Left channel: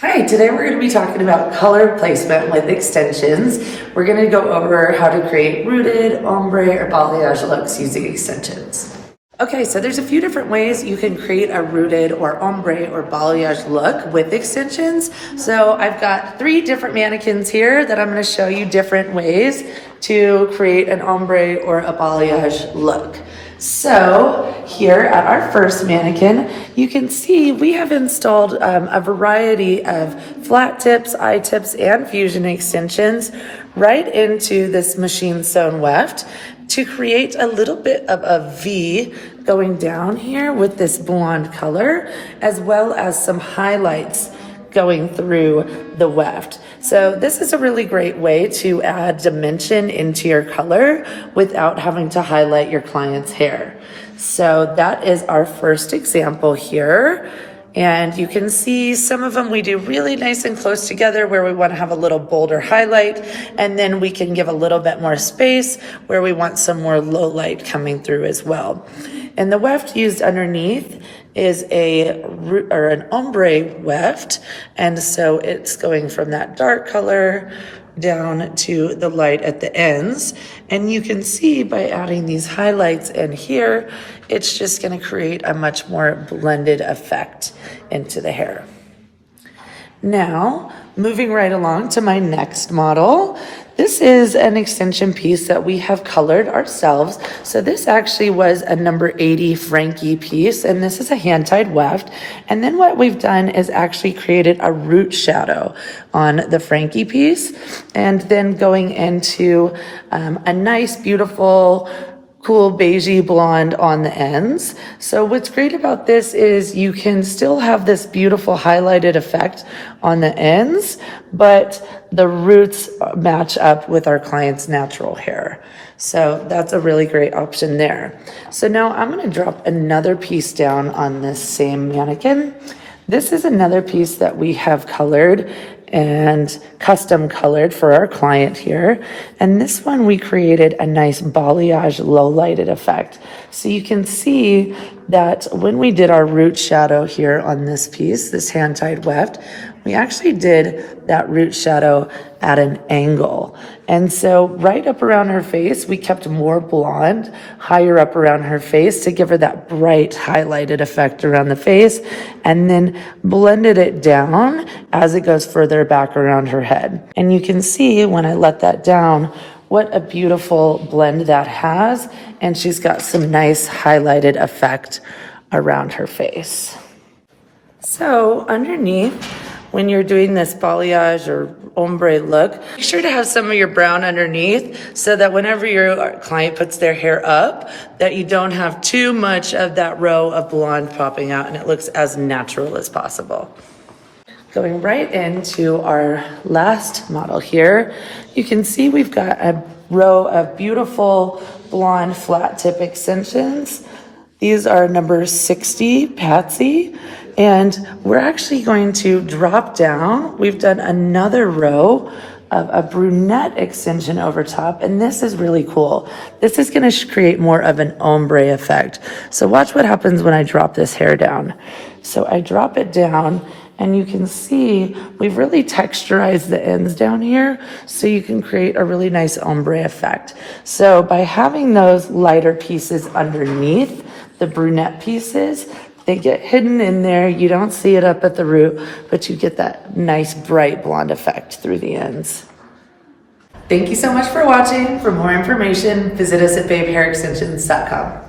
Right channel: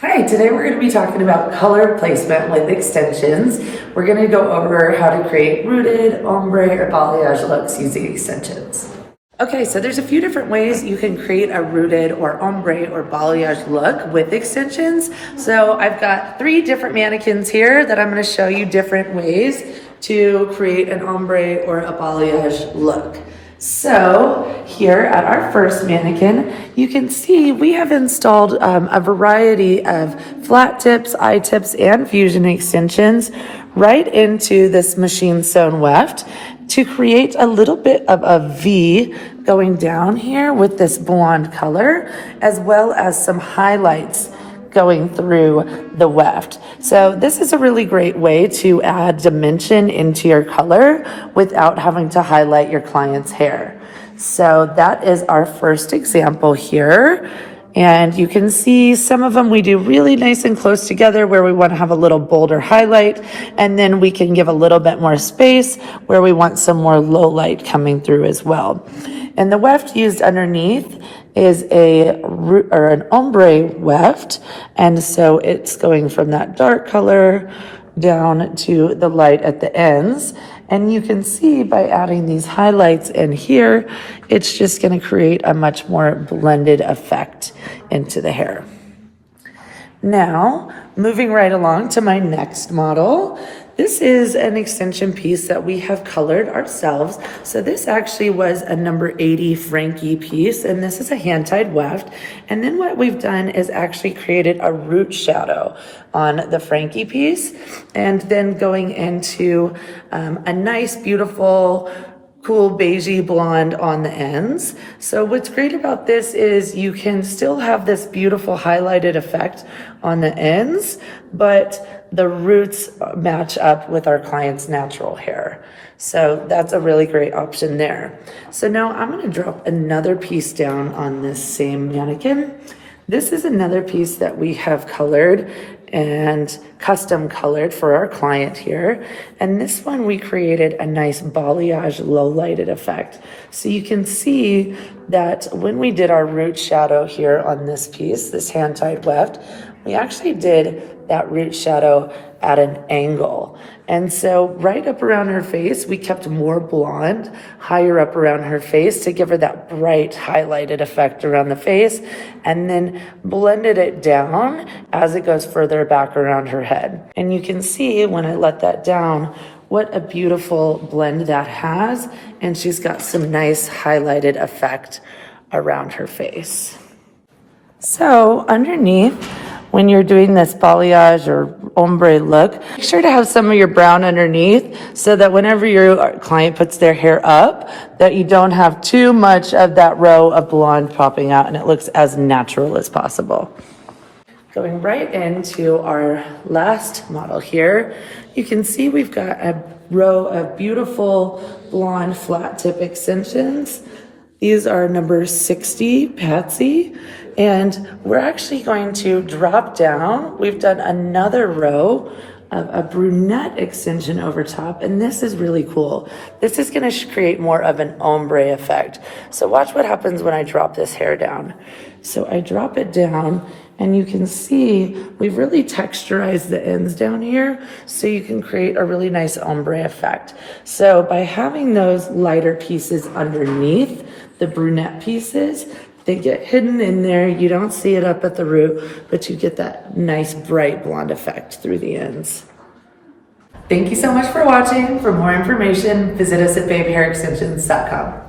Hi, today we're going to be talking about color placement with extensions. We're going to go over how to create rooted, ombre, or balayage looks using extensions. Okay, so there's a few different ways you can create a rooted or ombre or balayage look with extensions. So I've got 3 different mannequins here that I'm going to show you different ways to create an ombre or a balayage look. So here at our first mannequin, you can see we have installed a variety of flat tips, I-tips, and fusion extensions right into this machine sewn weft to create a little bit of a V going down here with this blonde color, as well as some highlights going through the weft. So this is a really great way to add dimension into your color without having to highlight your client's hair. So that is our first example here. And you can see some of them we do really nice and close together where we want to have a little bolder highlight, and then we can give a little bit more space where we want some more low light coming through as well. And the weft used underneath is an ombre weft, and so it's going from that dark color down to the light at the ends. And you can see by adding these highlights in here, it's just going to create a much more blended effect into the hair. Now, moving right along to my next model. This is an extension piece that we have colored ourselves. So this actually was a number 80 Frankie piece, and this is a hand-tied weft. And then what we've done is actually created a root shadow on the Frankie piece, and then going into a nice, beautiful, cool beigey blonde on the ends. So what's great about this is you can still have this beautiful highlighted effect on the ends, but the roots match up with our client's natural hair. So that's a really great option there. So now I'm going to drop another piece down on this same mannequin. This is another piece that we have colored and custom colored for our client here. And this one we created a nice balayage low lighted effect. So you can see that when we did our root shadow here on this piece, this hand-tied weft, we actually did that root shadow at an angle. And so right up around her face, we kept more blonde higher up around her face to give her that bright highlighted effect around the face, and then blended it down as it goes further back around her head. And you can see when I let that down, what a beautiful blend that has. And she's got some nice highlighted effect around her face. So underneath, when you're doing this balayage or ombre look, make sure to have some of your brown underneath so that whenever your client puts their hair up, that you don't have too much of that row of blonde popping out and it looks as natural as possible. Going right into our last model here, you can see we've got a row of beautiful blonde flat tip extensions. These are number 60 Patsy. And we're actually going to drop down. We've done another row of a brunette extension over top, and this is really cool. This is going to create more of an ombre effect. So watch what happens when I drop this hair down. So I drop it down, and you can see we've really texturized the ends down here so you can create a really nice ombre effect. So by having those lighter pieces underneath the brunette pieces, they get hidden in there. You don't see it up at the root, but you get that nice bright blonde effect through the ends. Thank you so much for watching. For more information, visit us at babehairextensions.com.